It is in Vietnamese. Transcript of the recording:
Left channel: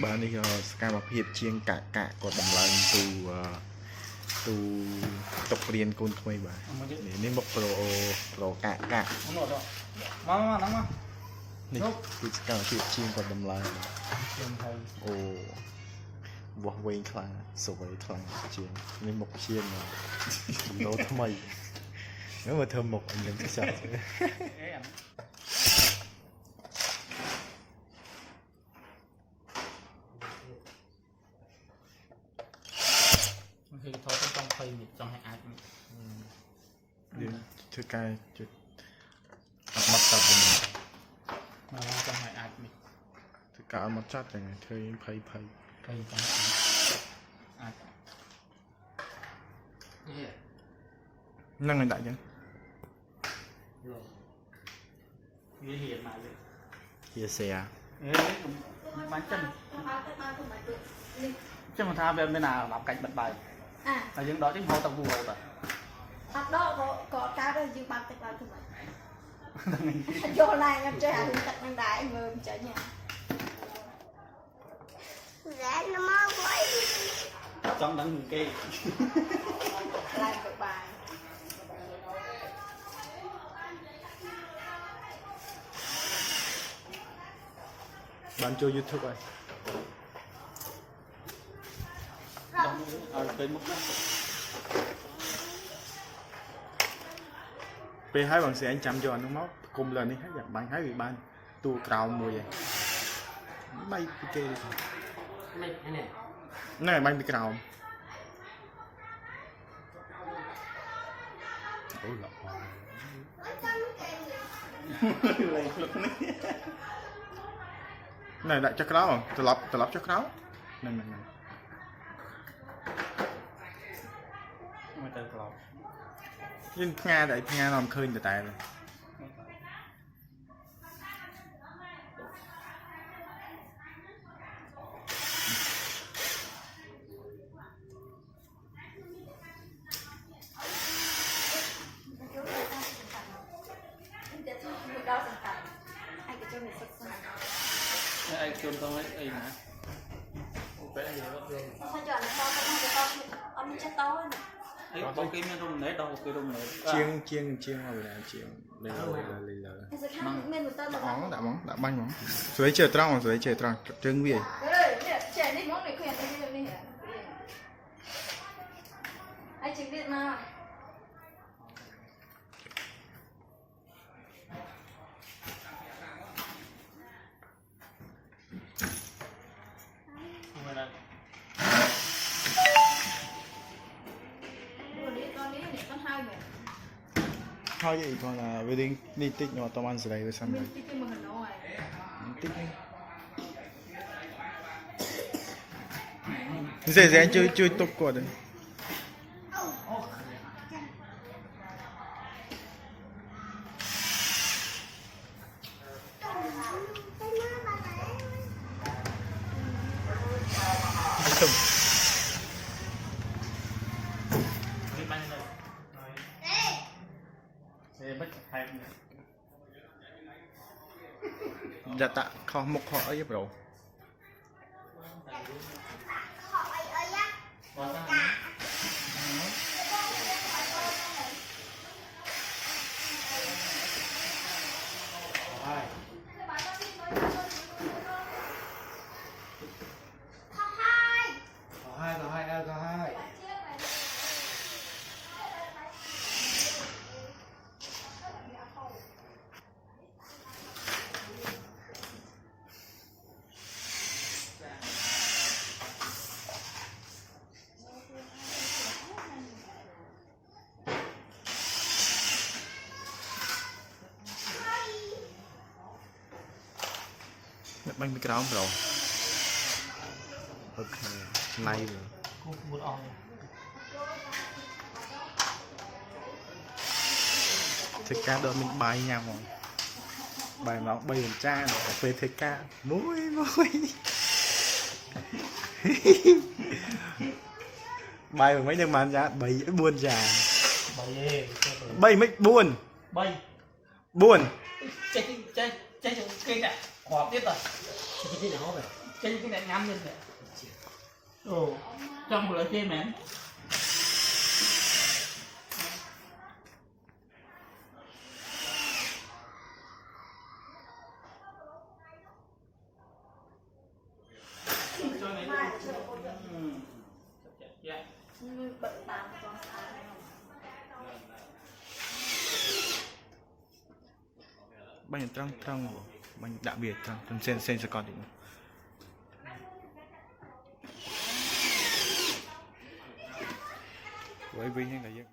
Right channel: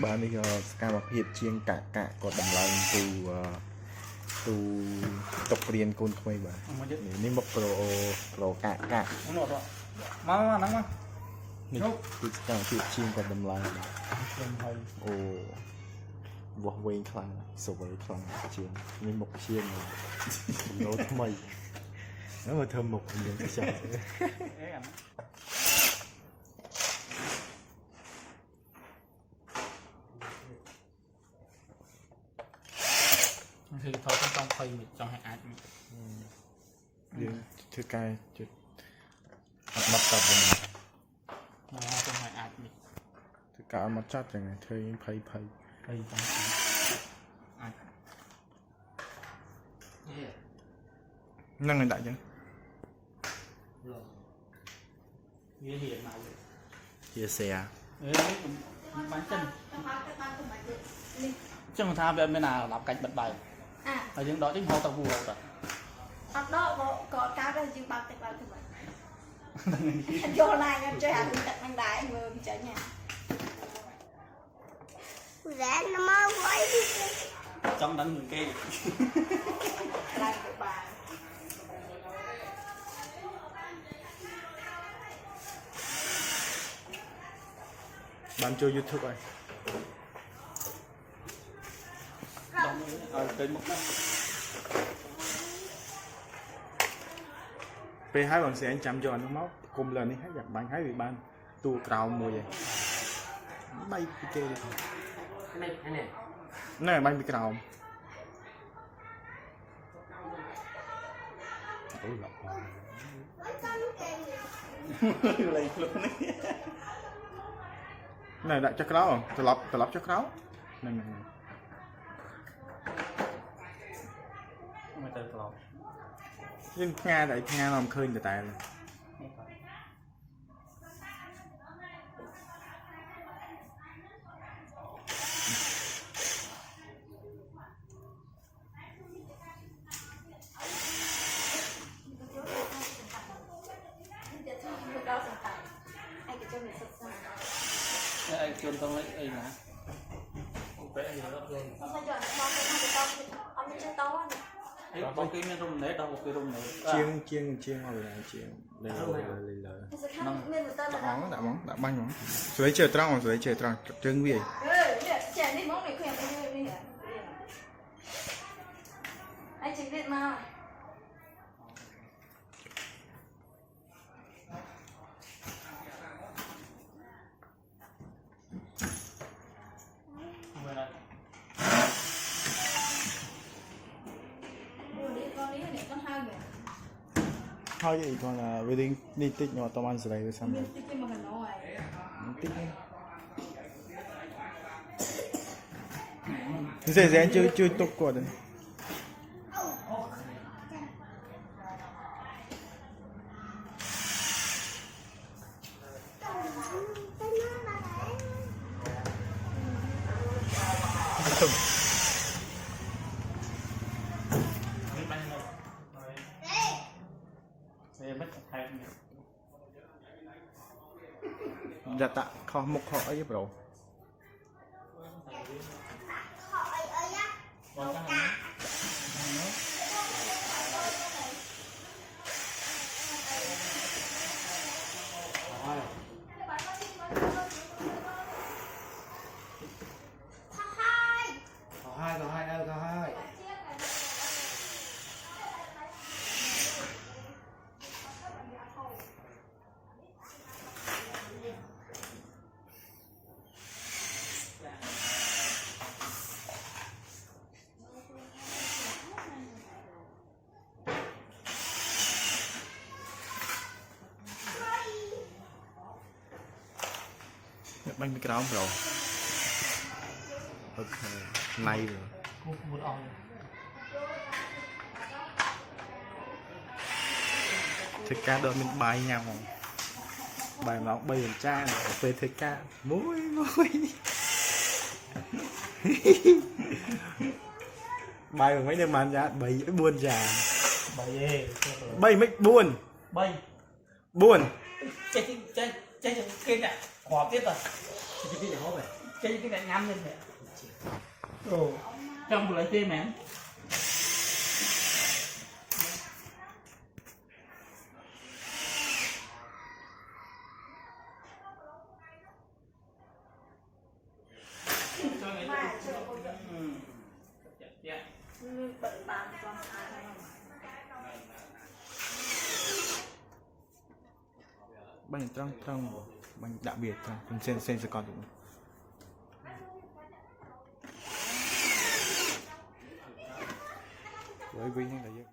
bạn đi scam một hiệp chiên cả còn đầm lần từ tập riêng con thôi bà nên một pro cả mà nắngนี่คือการเทียบชิงกับดำลายโอ้วอเวงคลังสวยคลังเชียงนี่หมกเชียงเลยโน้ทำไมแล้วมาเธอหมกอย่างที่สั่งคือเขาต้องไฟมิดต้องให้อาร์ตเดี๋ยวคือการจุดมัดตับมันต้องให้อาร์ตมิดคือการมัดจัดอย่างไงเธอยังไพ่ต้องอาร์ตนั่งในได้ยังเฮียมาเลยเฮียเสียมันchân mà tham bên nào làm cạnh bật bài là những đó chính hồi tàu bùa rồi đó có cá đây chứ bạc bạc vô này em chơi hàng tận đang đái người chơi nhà rẽ nó mau quay trong đắng người kia làm được bài bạn chơi YouTube rồi cây mất P hai bằng sẽ anh chăm cho anh móc cùng lần đi hết giặt bạn hái bị ban tu cào mùi vậy bay cái kê đi này bay bị cào ôi lọc này đại chắc cáo không từ lọc chắc cáo này nhưng Nga đại Nga làm khơi từ tài rồi ai chôn tao lấy ai hả vẽ gì đó rồi ông chơi to ấy có cái rung nét đâu cái rung nét chiên vào là chiên đây là đã bánh rồi chơi trăng trứng gì anh chỉ biết mà thôi vậy còn là về đi tích nhưng mà tao ăn gì đây rồi xong rồi tích dễ anh chơi tốt quá đấy dạ tạ kho mục họ ấy bro hai bánh bị cáo bro ok này rồi cô muốn on thịt cá đợi mình bài nhau không bài nó bay lên cha về thịt cá muối bài mấy đứa mà ra bảy buồn già bay mấy buồn chơi kia nè khoa biết rồi chơi cái này ngâm lên kìa. Ồ, trong một lời chơi mẹ. như bệnh tàn con ai bánh trăng trăng bánh đặc biệt trăng sen sẽ còn thì với những người dân